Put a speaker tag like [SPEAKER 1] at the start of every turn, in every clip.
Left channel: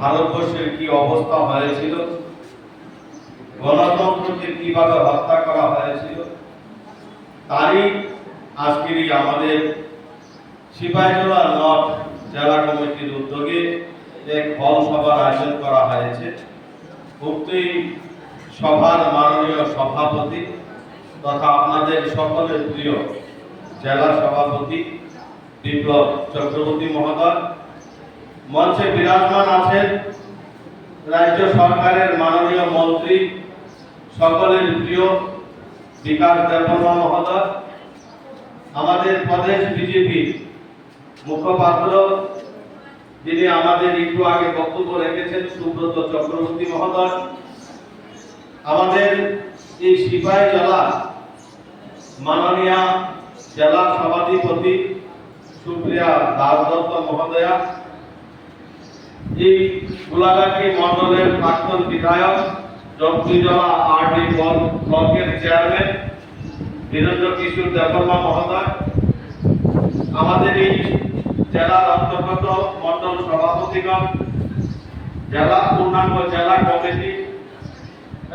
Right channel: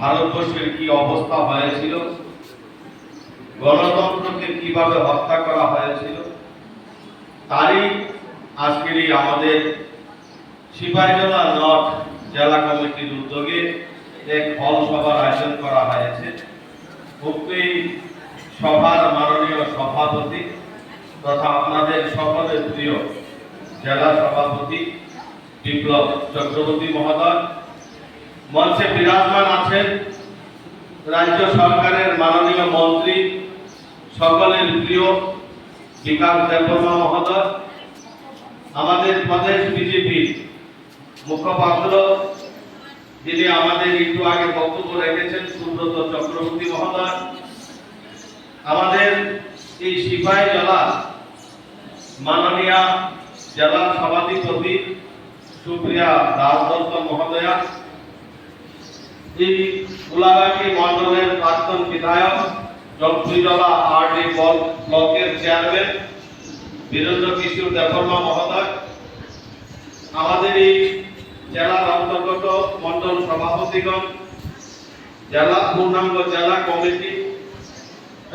[SPEAKER 1] ভারতবর্ষের কি অবস্থা হয়েছিল? গণতন্ত্রকে কীভাবে হত্যা করা হয়েছিল? তারই আজকের আমাদের সিপাহীজলা নর্থ জেলা কমিটির উদ্যোগে এক হল সভার আয়োজন করা হয়েছে। উক্ত সভার মাননীয় সভাপতি তথা আপনাদের সকলের প্রিয় জেলা সভাপতি বিপ্লব চক্রবর্তী মহোদয় মঞ্চে বিরাজমান আছেন রাজ্য সরকারের মাননীয় মন্ত্রী, সকলের প্রিয় বিকাশ দেববর্মা মহোদয়, আমাদের প্রদেশ বিজেপি মুখপাত্র যিনি আমাদের একটু আগে বক্তব্য রেখেছেন, সুব্রত চক্রবর্তী মহোদয়। আমাদের এই সিপাহী জেলা মাননীয় জেলা সভাধিপতি সুপ্রিয়া দাস দত্ত মহোদয়া এই গোলাঘাটি মন্ডলের প্রাক্তন বিধায়ক ব্লকের চেয়ারম্যান বীরেন্দ্র কিশোর আমাদের এই জেলার অন্তর্গত মন্ডল সভাপতিগণ, জেলা পূর্ণাঙ্গ জেলা কমিটি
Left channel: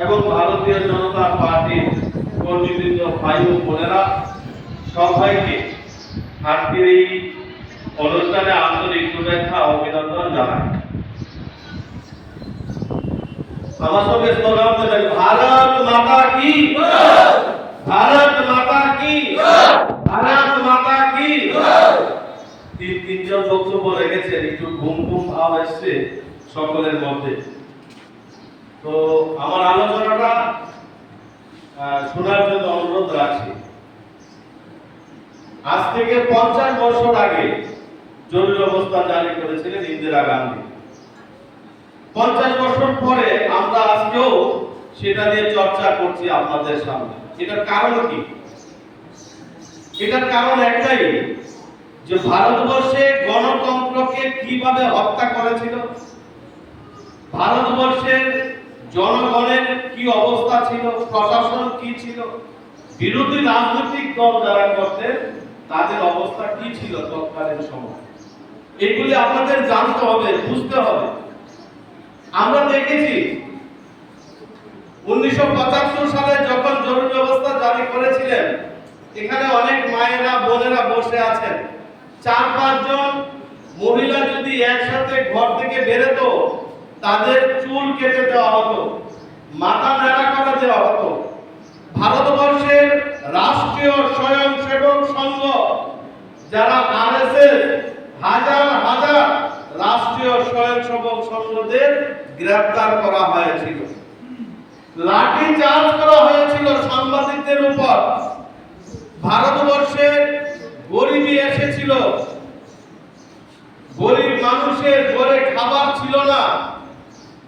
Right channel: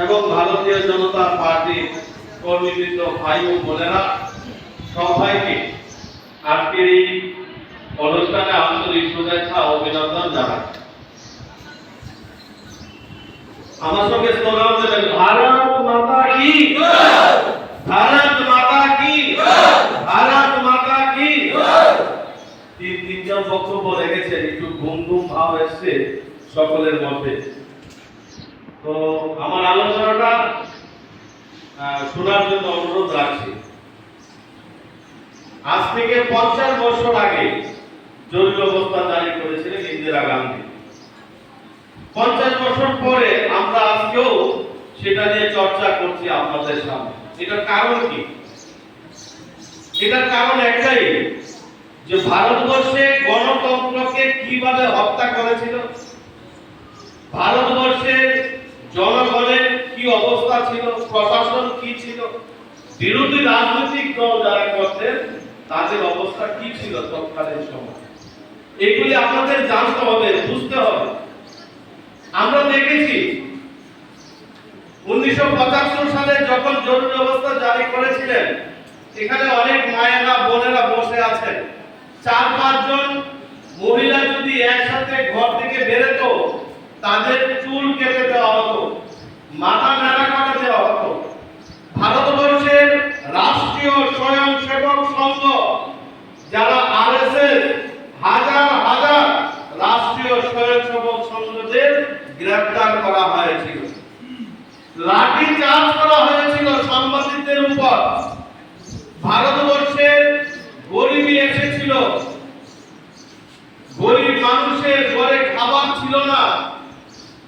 [SPEAKER 1] এবং ভারতীয় জনতা পার্টি কর্মীবৃন্দ ভাই ও বোনেরা, সবাইকে আজকের এই অনুষ্ঠানে আন্তরিক শুভেচ্ছা অভিনন্দন আমার সঙ্গে স্লোগান দেবেন ভারত মাতা কি ভারত মাতা কি ভারত মাতা কি তিন তিনজন বক্তব্য রেখেছেন একটু ঘুম ঘুম ভাব এসছে সকলের মধ্যে। তো আমার আলোচনাটা শোনার জন্য অনুরোধ রাখছি। আজ থেকে পঞ্চাশ বছর আগে জরুরি অবস্থা জারি করেছিলেন ইন্দিরা গান্ধী। পঞ্চাশ বছর পরে আমরা আজকেও সেটা নিয়ে চর্চা করছি আপনাদের সামনে। এটার কারণ কি? এটার কারণ একটাই, যে ভারতবর্ষে গণতন্ত্রকে কীভাবে হত্যা করেছিল? ভারতবর্ষের জনগণের কি অবস্থা ছিল? প্রশাসন কি ছিল? বিরোধী রাজনৈতিক দল যারা করতেন, তাদের অবস্থা কি ছিল তৎকালীন সময়? এগুলি আপনাদের জানতে হবে, বুঝতে হবে। আমরা দেখেছি উনিশশো সালে যখন জরুরি অবস্থা জারি করেছিলেন, এখানে অনেক মায়েরা, বোনেরা বসে আছেন। চার পাঁচজন মহিলা যদি একসাথে ঘর থেকে বেরোতো, তাদের চুল কেটে দেওয়া হতো, মাথা নাড়া করে দেওয়া হতো। ভারতবর্ষের রাষ্ট্রীয় স্বয়ংসেবক সংঘ, যারা আরএসএস, হাজার হাজার রাষ্ট্রীয় স্বয়ংসেবক সংঘদের গ্রেফতার করা হয়েছিল। লাঠি চার্জ করা হয়েছিল সাংবাদিকদের উপর। ভারতবর্ষের গরিবী এসেছিল। গরিব মানুষের ঘরে খাবার ছিল না।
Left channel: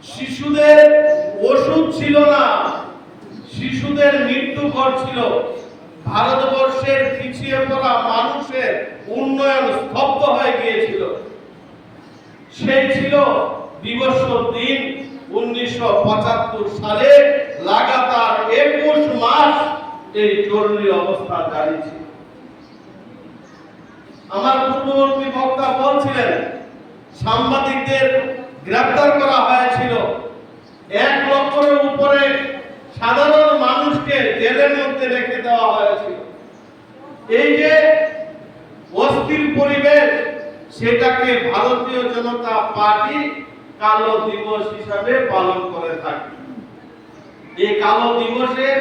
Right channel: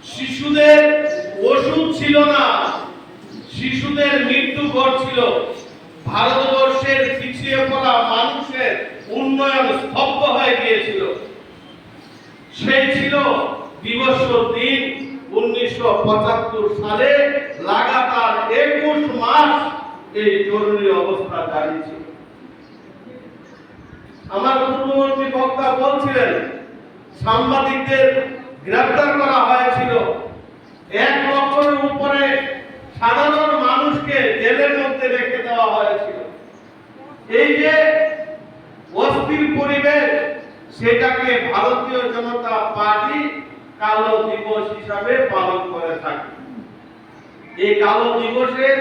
[SPEAKER 1] শিশুদের ওষুধ ছিল না। শিশুদের মৃত্যু ঘটছিল। ভারতবর্ষের পিছিয়ে পড়া মানুষের উন্নয়ন স্তব্ধ হয়ে গিয়েছিল। সেই ছিল দিবস দিন উনিশশো সালে লাগাতার একুশ মাস এই জরুরি অবস্থা ছিল আমার পূর্ববর্তী বক্তা বলছিলেন, সাংবাদিকদের গ্রেফতার করা হয়েছিল। এক লক্ষের উপরে সাধারণ মানুষকে জেলের মধ্যে রেখে দেওয়া হয়েছিল। এই যে অস্থির পরিবেশ, সেটাকে ভারতীয় জনতা পার্টি কালো দিবস হিসাবে পালন করে থাকে। এই কালো দিবসের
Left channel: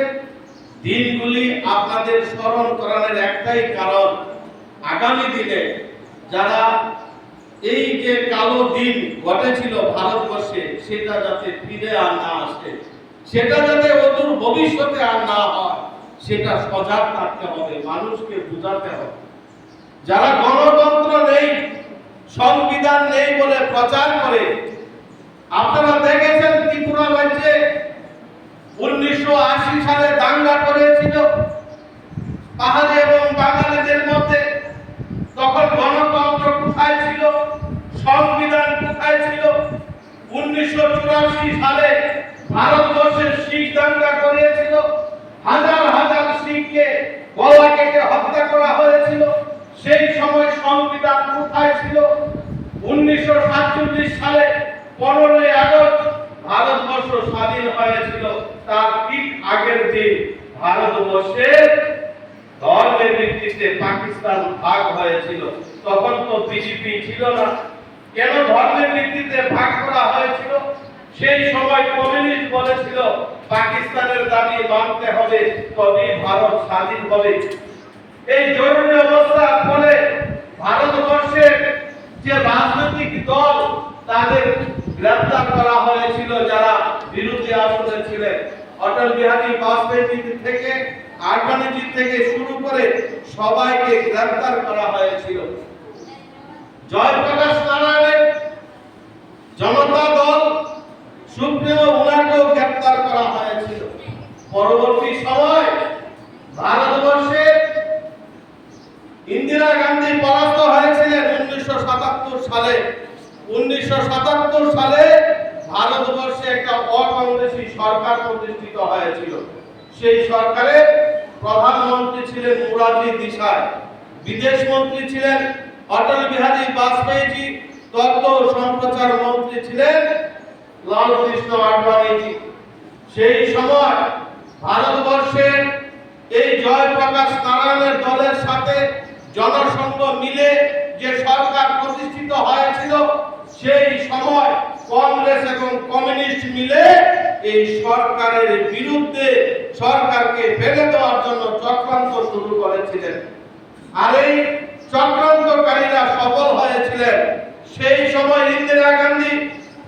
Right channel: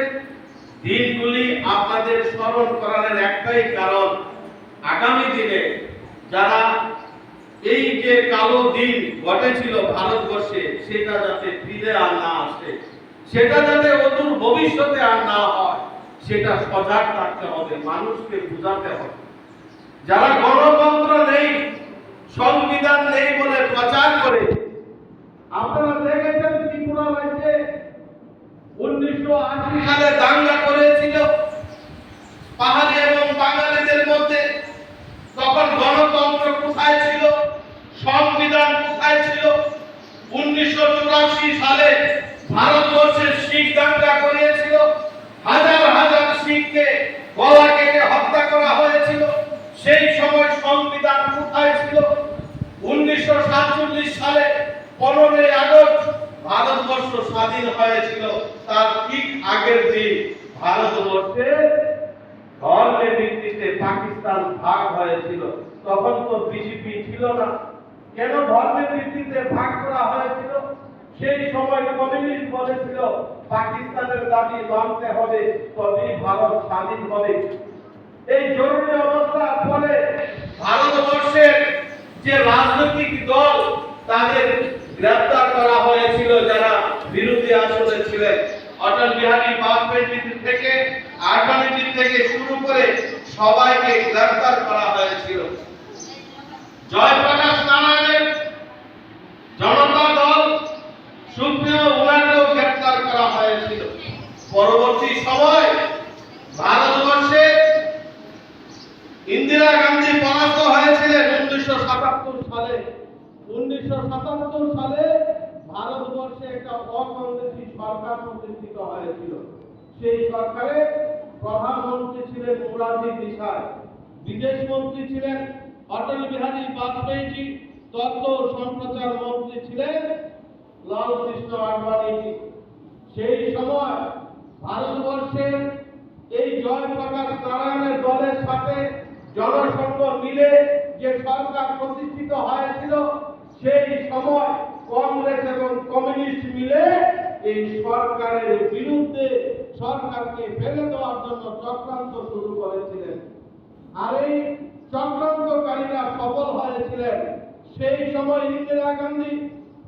[SPEAKER 1] দিনগুলি আপনাদের স্মরণ করানোর একটাই কারণ, আগামী দিনে যারা এই যে কালো দিন ঘটেছিল ভারতবর্ষে, সেটা যাতে ফিরে আর না আসে, সেটা যাতে অদূর ভবিষ্যতে আর না হয়, সেটা সজাগ থাকতে হবে, মানুষকে বুঝাতে হবে। যারা গণতন্ত্র নেই, সংবিধান নেই বলে প্রচার করে আপনারা দেখেছেন ত্রিপুরা রাজ্যে উনিশশো আশি সালে দাঙ্গা করেছিল। পাহাড় এবং বাঙালিদের মধ্যে তখন গণতন্ত্র কোথায় ছিল, সংবিধান কোথায় ছিল? উনিশশো চুরাশি সালে ভারতবর্ষের শিখ দাঙ্গা করিয়েছিল। হাজার হাজার শিখকে গলা কেটে হত্যা করা হয়েছিল। সেই সময় সংবিধান কোথায় ছিল? উনিশশো সাতচল্লিশ সালে পনেরোই আগস্ট ভারতবর্ষ স্বাধীন হয়েছিল। তার ঠিক আগের দিন ভারতবর্ষের ধর্মের ভিত্তিতে পাকিস্তান ভাগ হয়েছিল। তখন তো বিজেপি ছিল না। কেন ধর্মের ভিত্তিতে ভাগ করা হয়েছিল? সেই সময় কমিউনিস্ট বলেছিল, পাকিস্তানের দাবি মানতে হবে তবে ভারত স্বাধীন হবে। এই জরুরি অবস্থার ফলে ভারতবর্ষের যে রাজনৈতিক দল, তাদের গ্রেফতার করা হয়েছিল যারা বিরোধী আসলে ছিলেন। অটল বিহারী বাজপেয়ী থেকে আডবাণীজি থেকে শুরু করে সবাইকে গ্রেফতার করা হয়েছিল। জয়প্রকাশ নারায়ণের জনতা দল সুপ্রিয় ওনাকেও গ্রেফতার করা হয়েছিল। পরবর্তী সময় ভারতবর্ষে ইন্দিরা গান্ধী পরাস্ত হয়েছিলেন উনিশশো সাতাত্তর সালে। উনিশশো সাতাত্তর সালে ভারতবর্ষে একটা অকংগ্রেসী সরকার প্রতিষ্ঠিত হয়েছিল। সেই সরকারে প্রধানমন্ত্রী ছিলেন মুরারজি দেশাই বিদেশ মন্ত্রী ছিলেন অটল বিহারী বাজপেয়ীজি তথ্য সম্প্রচার মন্ত্রী ছিলেন লাল কৃষ্ণ আডবাণীজি। সেই সময় ভারতবর্ষের এই জয়প্রকাশ নারায়ণের দলের সাথে জনসংঘ মিলে যে সরকার প্রতিষ্ঠিত হয়েছিল সেই সময় কংগ্রেস এবং কমিউনিস্ট মিলে এই সরকারের বিরুদ্ধে সরকারকে ফেলে দেওয়ার জন্য চক্রান্ত শুরু করেছিলেন। আর এই চক্রান্তকারীরা সফল হয়েছিলেন। সেই সময় ইন্দিরা গান্ধী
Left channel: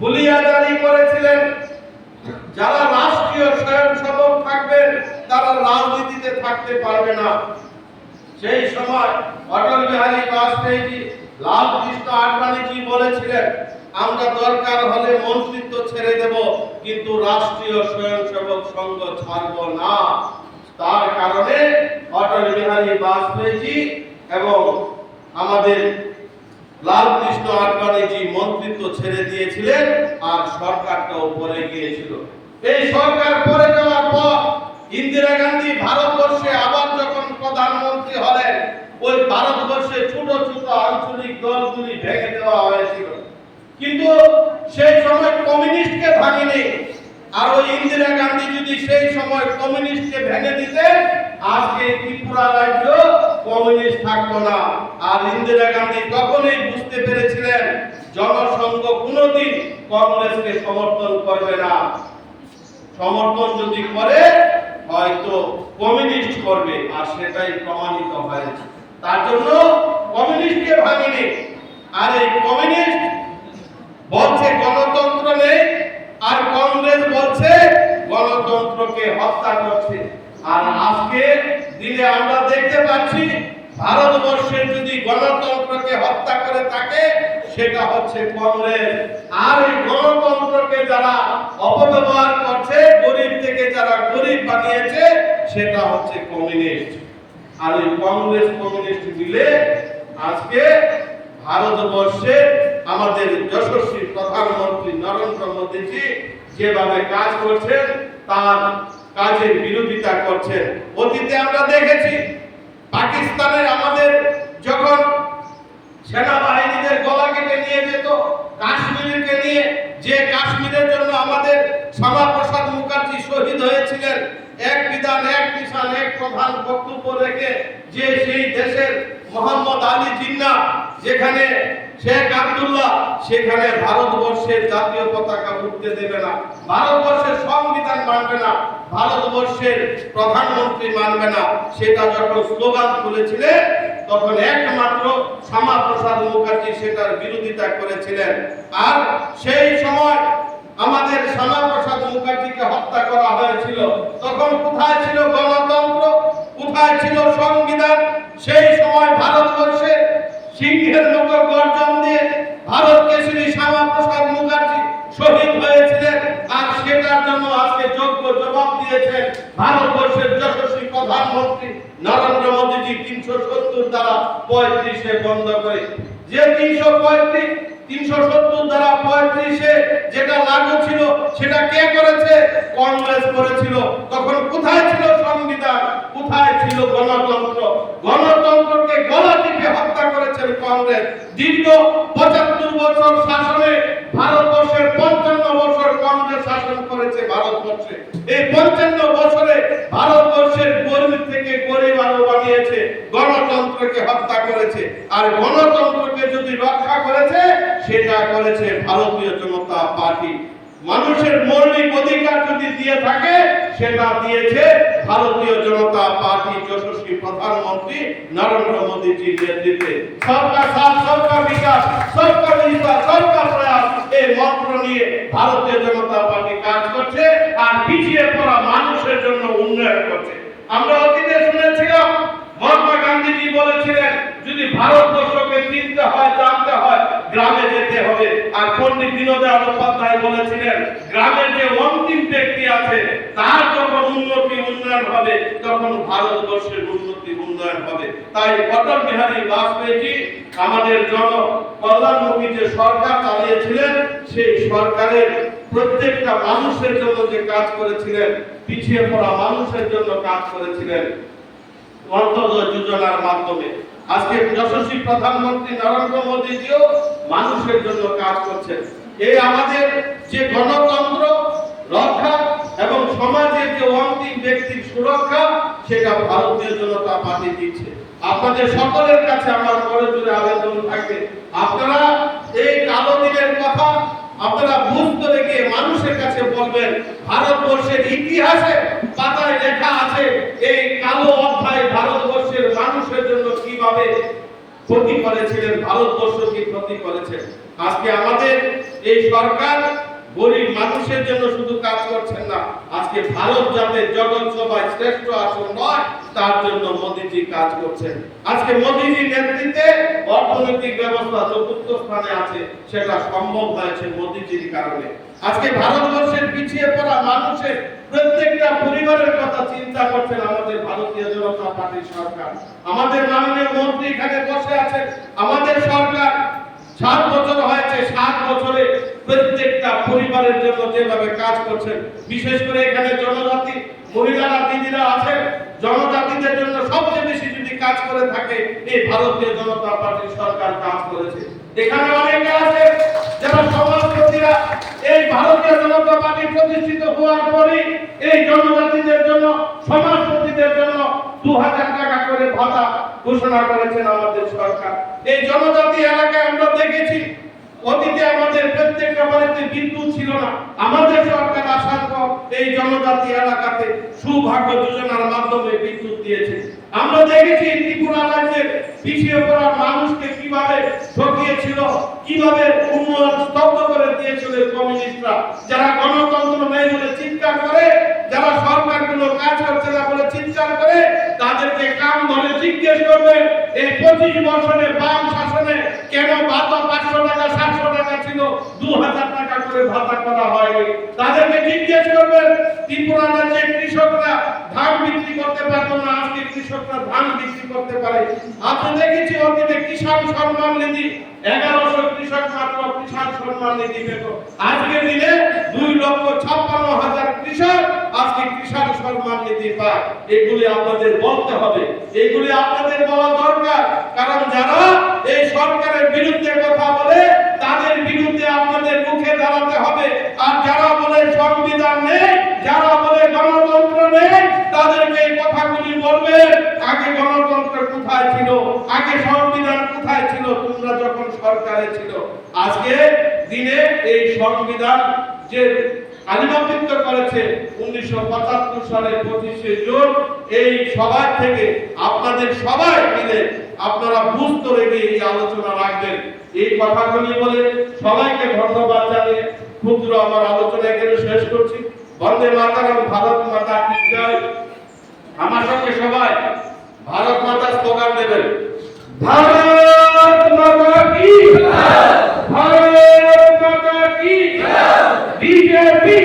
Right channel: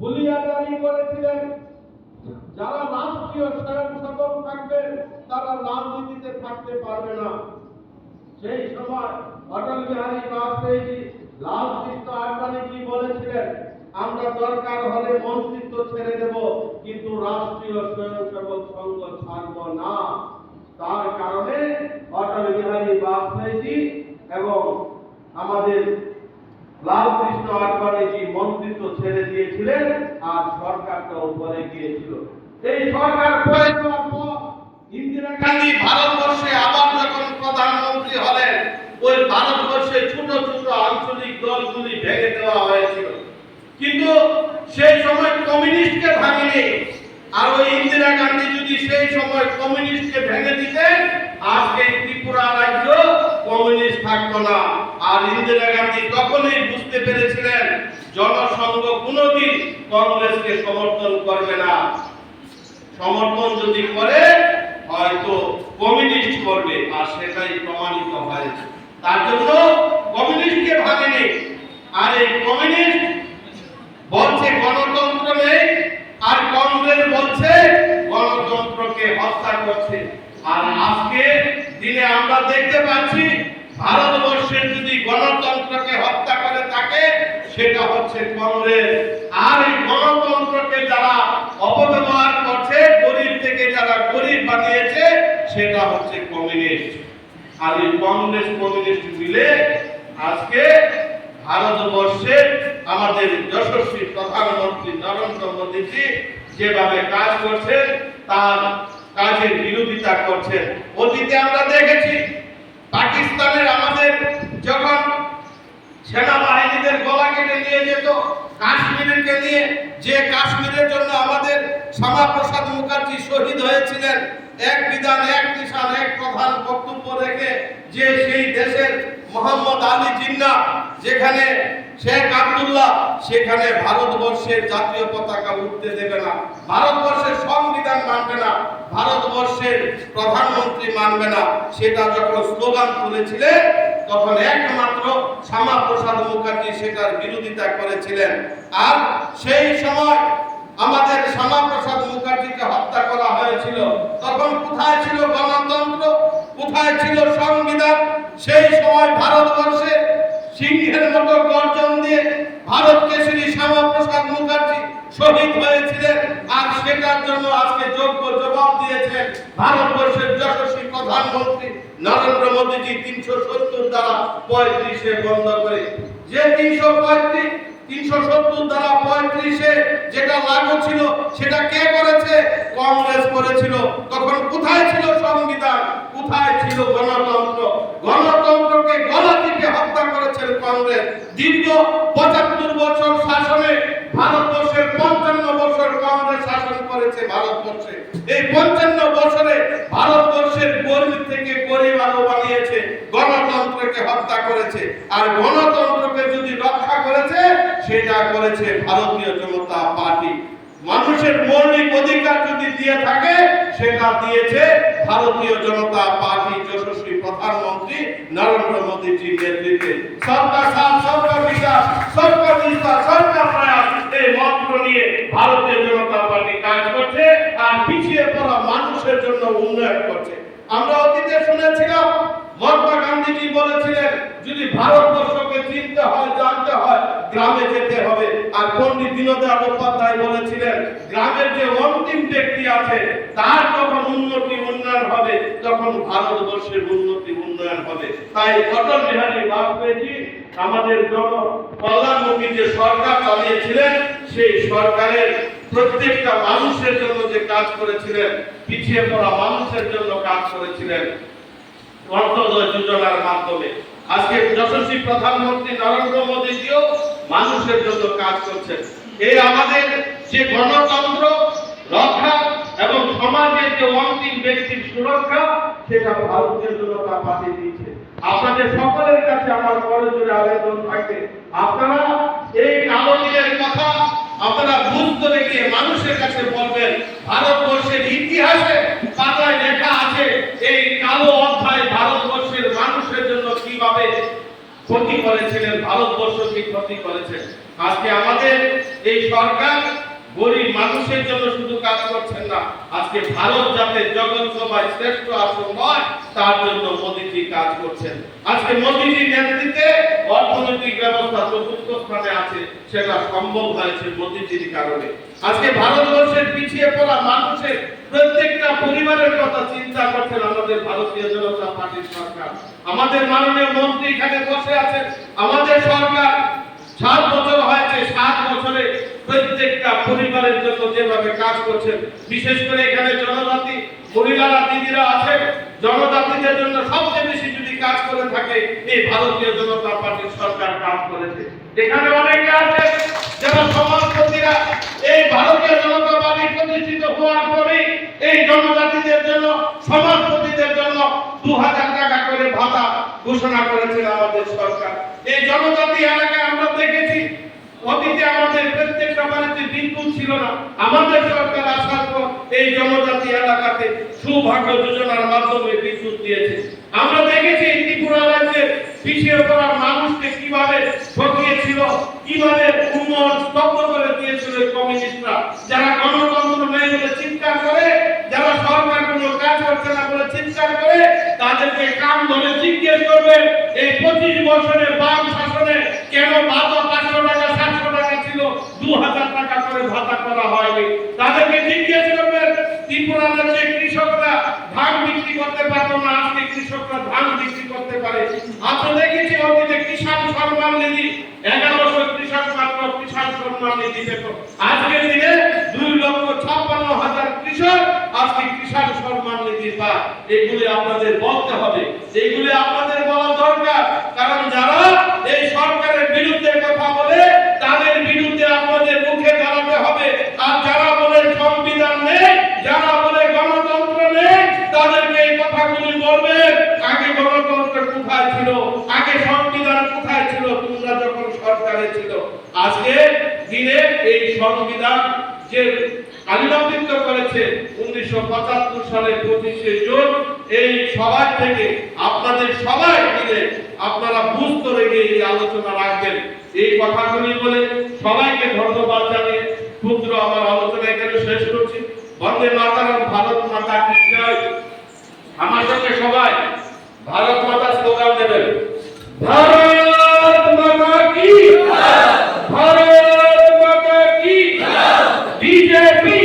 [SPEAKER 1] হুলিয়া জারি করেছিলেন। যারা রাষ্ট্রীয় স্বয়ংসেবক থাকবেন তারা রাজনীতিতে থাকতে পারবে না। সেই সময় অটল বিহারী বাজপেয়ীজি লাল কৃষ্ণ আডবাণীজি বলেছিলেন? আমরা দরকার হলে মন্ত্রিত্ব ছেড়ে দেব, কিন্তু রাষ্ট্রীয় স্বয়ংসেবক সংঘ ছাড়ব না। তার কারণে অটল বিহারী বাজপেয়ীজি এবং আমাদের লাল কৃষ্ণ আডবাণীজি মন্ত্রিত্ব ছেড়ে দিয়েছিলেন আর সরকারটা উপরে গিয়েছিল। এই সরকার পরে যাওয়ার পর ইন্দিরা গান্ধী ভারতবর্ষে আবার যখন প্রধানমন্ত্রী হলেন, ওই ভারতবর্ষে ছোট ছোট আঞ্চলিক দলগুলি ভেঙে দেওয়া হয়েছিল কিন্তু সেই সময় কমিউনিস্টকে ভাঙেনি। আর ওই ইন্দিরা গান্ধী যদি সেই সময় কমিউনিস্টকে ভেঙে দিতেন, আজকে ত্রিপুরা রাজ্য কমিউনিস্ট থাকতো না। আর ইন্দিরা গান্ধী তখনই বুঝতে পেরেছিলেন, জনসংঘ কোনোদিন কংগ্রেসকে সমর্থন করবে না। সমর্থন যদি করে, হয়তো কমিউনিস্ট করবে, আর সেটাই প্রমাণিত হয়েছে। তার জন্য কমিউনিস্টকে ভাঙেনি। আর এই কমিউনিস্ট বলছে গণতন্ত্র নেই আর কংগ্রেস বলছে গণতন্ত্রকে হত্যা করছে। আর আজকে দিনে আমরা দেখতে পাচ্ছি ভারতবর্ষের যদি গণতন্ত্রকে হত্যা করে থাকে, সেটা হচ্ছে কংগ্রেস। আর এই গণতন্ত্রকে যারা অপব্যবহার করছে, গরিব থেকে যারা গরিব বানিয়েছে, সেটা হচ্ছে কমিউনিস্ট। আর এই কংগ্রেস কমিউনিস্ট মিলে আজকে ভারতবর্ষের আমাদের যশস্বী প্রধানমন্ত্রী নরেন্দ্র মোদীজি যেভাবে কাজ করছেন, তার কাজের বিরোধিতা করছেন। অতীতে আমরা দেখেছি, পাকিস্তানের আমাদের যখন সেনাবাহিনীদের গলা কেটে নিয়ে যেত, কাশ্মীরকে নিয়ে, যে কাশ্মীরের জন্য আমাদের শ্যামাপ্রসাদ মুখার্জি শহীদ হয়েছিলেন, এক বিধান, এক নিশান, এক প্রধান বক্তব্য রেখে যে মোহাম্মদ আলী জিন্না, যেখানে শেখ আব্দুল্লাহ, সেখানে ভারতবর্ষের জাতীয় পতাকা উঠতে দেবে না। ভারতবর্ষের সংবিধান মানবে না, ভারতবর্ষের প্রধানমন্ত্রী মানবে না। সেটা যখন স্লোগান তুলেছিলেন, তখন একমাত্র শ্যামা প্রসাদ মুখার্জি সেটার বিরোধিতা করেছিলেন। আর সেই সময় আমাদের শ্যামা প্রসাদ মুখার্জিকে হত্যা করা হয়েছিল। তখন কোথায় ছিল গণতন্ত্র কোথায় ছিল সংবিধান সেই সময় ভারতবর্ষে সিংহের মতো গর্জন দিয়ে ভারত কেশরী শ্যামাপ্রসাদ মুখার্জি শহীদ হয়েছিলেন, আর সেটার জন্য আজকে যোগ্য জবাব দিয়েছেন ভারতবর্ষের যশস্বী প্রধানমন্ত্রী নরেন্দ্র মোদীজি তিনশো সত্তর দ্বারা পঁয়ত্রিশে বন্ধ করে। যে তিনশো পঁয়ত্রিশ, তিনশো সত্তর দ্বারা পঁয়ত্রিশে যেটা লাগু ছিল, সেটা কে করেছে? কংগ্রেস করেছিল। তখন কোথায় ছিল সংবিধান? কোথায় ছিল গণতন্ত্র? গণতন্ত্রকে গলা সবাইকে হত্যা করেছেন কংগ্রেস? দীর্ঘ পঁচাত্তর বছর শাসনে ভারতবর্ষের পঞ্চান্ন বছর কংগ্রেস শাসন করেছে ভারতবর্ষে। এই পঞ্চান্ন বছরে ভারতবর্ষের গরিব থেকে গরিব আরও বানিয়েছে, গণতন্ত্রকে হত্যা করেছে। আর গণতন্ত্রকে যদি রক্ষা করেছে, সেটা করেছে ভারতীয় জনতা পার্টি। মানুষের মৌলিক অধিকার যদি দিয়ে থাকে সেটা দিয়েছে ভারতীয় জনতা পার্টি যশস্বী প্রধানমন্ত্রী নরেন্দ্র মোদীজির নেতৃত্বে। সবকা সাথ সবকা বিকাশ সবকা বিকাশ সবকা প্রয়াস, এই মন্ত্র নিয়ে ভারতীয় জনতা পার্টি কাজ করছে আর পিছিয়ে পড়া মানুষের জন্য উন্নয়ন করছে। আমরা অতীতে শুনেছিলাম মহাত্মা গান্ধীজি বলেছিলেন, যদি ভারতবর্ষকে চিনতে হয়, জানতে হয়, গ্রামে যেতে হবে। আর পণ্ডিত দীনদয়াল উপাধ্যায় বলেছিলেন গ্রামের যে অন্তিম ব্যক্তি আছে, তার যখন উন্নতি উন্নয়ন হবে, তখন ভারতবর্ষের উন্নতি উন্নয়ন হবে। তাই অটল বিহারী বাজপেয়ীজি, আমাদের জন কল্যাণমুখী যে সরকার চালিয়েছিলেন, সেই সরকারের প্রত্যেকটা মানুষের জন্য যে কাজ করেছিলেন, পিছিয়ে পড়া মানুষের জন্য কাজ করেছিলেন অন্তর্দয় যোজনার মাধ্যমে। আজকে যশস্বী প্রধানমন্ত্রী নরেন্দ্র মোদীজিও মানুষের জন্য কাজ করছেন। এই আমাদের যে গণতন্ত্র, রক্ষা এবং সমাজের যে অন্তিম ব্যক্তির সুরক্ষা, সেটা ভারতীয় জনতা পার্টি দিচ্ছে। আপনাদের সকলের কাছে আমার বড় জোরে আবেদন থাকবে। আপনারা এই কালো দিনের কথা আপনারা বুঝতে রেখে মানুষের কাছে বলবেন, ভারতবর্ষের ইতিহাসে পাতায় লেখা আছে, এই কালো অধ্যায় ভারতবর্ষের মানুষের জন্য কীভাবে ক্ষতি করেছিলেন ভারতবর্ষকে ক্ষতি করেছেন। আজকে আমাদের এই সরকার গরিব মানুষের জন্য শুধু কাজ করছেন না, আজকে ভারত যাতে জগৎ সভায় শ্রেষ্ঠ আসন হয় তার জন্য মোদীজি কাজ করছেন। আজকে মোদীজি নেতৃত্বে অর্থনৈতিক ব্যবস্থা চতুর্থ স্থানে আছে, সেটা সম্ভব হয়েছে মোদীজির কারণে। আজকে ভারতবর্ষের পিছিয়ে পড়া মানুষের প্রত্যেকটা পরিবারের কথা চিন্তা করছেন আমাদের ভারতীয় জনতা পার্টির সরকার। আমাদের মাননীয় মন্ত্রী এখানে বসে আছেন, আমাদের সরকার সাত বছর হয়েছে সাত বছরে প্রত্যেকটা পরিবারের জন্য যেভাবে কাজ করছেন, বিশেষ করে এখানে জনজাতি, মহিলারা, দিদিরা আছেন, জনজাতিদের জন্য সবচেয়ে বেশি যদি কাজ করে থাকে, এই ভারতীয় জনতা পার্টির সরকার কাজ করেছে। এখানে অনেকে আছে, যারা সমাজপতিরা এই ভারতীয় জনতা পার্টি প্রতিষ্ঠিত হওয়ার পরে এই জনজাতিদের জন্য সমাজপতিদের জন্য দু হাজার টাকা করে ভাতা ঘোষণা করেছেন আমাদের সরকার। এই জনজাতি এলাকায় আমরা দেখেছি অতীতে আমাদের প্রত্যেকটা বাড়িতে বিদ্যুৎ ছিল না। আমাদের সরকার আসার পর এই জনজাতি এলাকাতে সৌভাগ্য যোজনার মাধ্যমে বিদ্যুৎ দিয়েছে। আমরা দেখেছি ত্রিপুরা রাজ্যের পিছিয়ে পড়া মানুষকে কীভাবে ঠকিয়েছিল, কীভাবে উন্নয়ন স্তব্ধ করে দিয়েছিল কমিউনিস্টরা। যারা গণতন্ত্র নেই বলে চিৎকার করে, যারা সরকার কোনো কাজ করছে না বলে তাদেরকে কান ধরে জিজ্ঞেস করবেন, এই পঁচিশ বছরে বাম শাসনে কেন ভাতা পাঁচশো টাকা, সাতশো টাকা ছিল? দু হাজার টাকা করে ভাতা করা হয়নি। তাদেরকে জিজ্ঞেস করবেন ত্রিপুরা রাজ্যে কৃষকরা ধান বিক্রি করতে পারতো না, আজকে কৃষকরা ধান বিক্রি করতে পারে। আপনি দেখেছি অতীতে কিষাণ সম্মান নিধি, এগারোশো কৃষক মাত্র কিষাণ সম্মান নিধি পেত। আজকে দিনে দুই লক্ষ ছাপ্পান্ন হাজার কৃষক আজকে কিষাণ সম্মান নিধি পায় এগুলি আপনাদের বলতে হবে। এগুলি আপনাদের বলা দরকার। কারণ যারা এই সরকারের বিরুদ্ধে কথা বলে, তাদের বিরুদ্ধে আপনাদের মুখে দাঁড়াতে হবে। আর যারা বলে সংবিধান নেই, যারা বলে গণতন্ত্র নেই, তাদেরকে এই কথাগুলি বলবেন, আগে গণতন্ত্র কোথায় ছিল? আগে সংবিধান কোথায় ছিল? তোমরা যখন সরকারে ছিল। আজকে দিনে এই সংবিধান যে কালিমাবৃত্ত করেছে উনিশশো পঁচাত্তর সালের পঁচিশে জুন। এই সবাই থেকে আপনাদের সবাই মিলে আপনারা বুঝতে রেখে এই আলোচনা রাখবেন। এই কথাগুলি বলে সবাইকে ধন্যবাদ জানিয়ে ক্ষুদ্র আমার আলোচনা এখানে শেষ করছি। বন্দে মাতারম, ভারত মাতা আমার সঙ্গে সবাই ভারত মাতা স্লোগান দেবেন। ভারত মাতা কি ভারত মাতা কি বিজেপি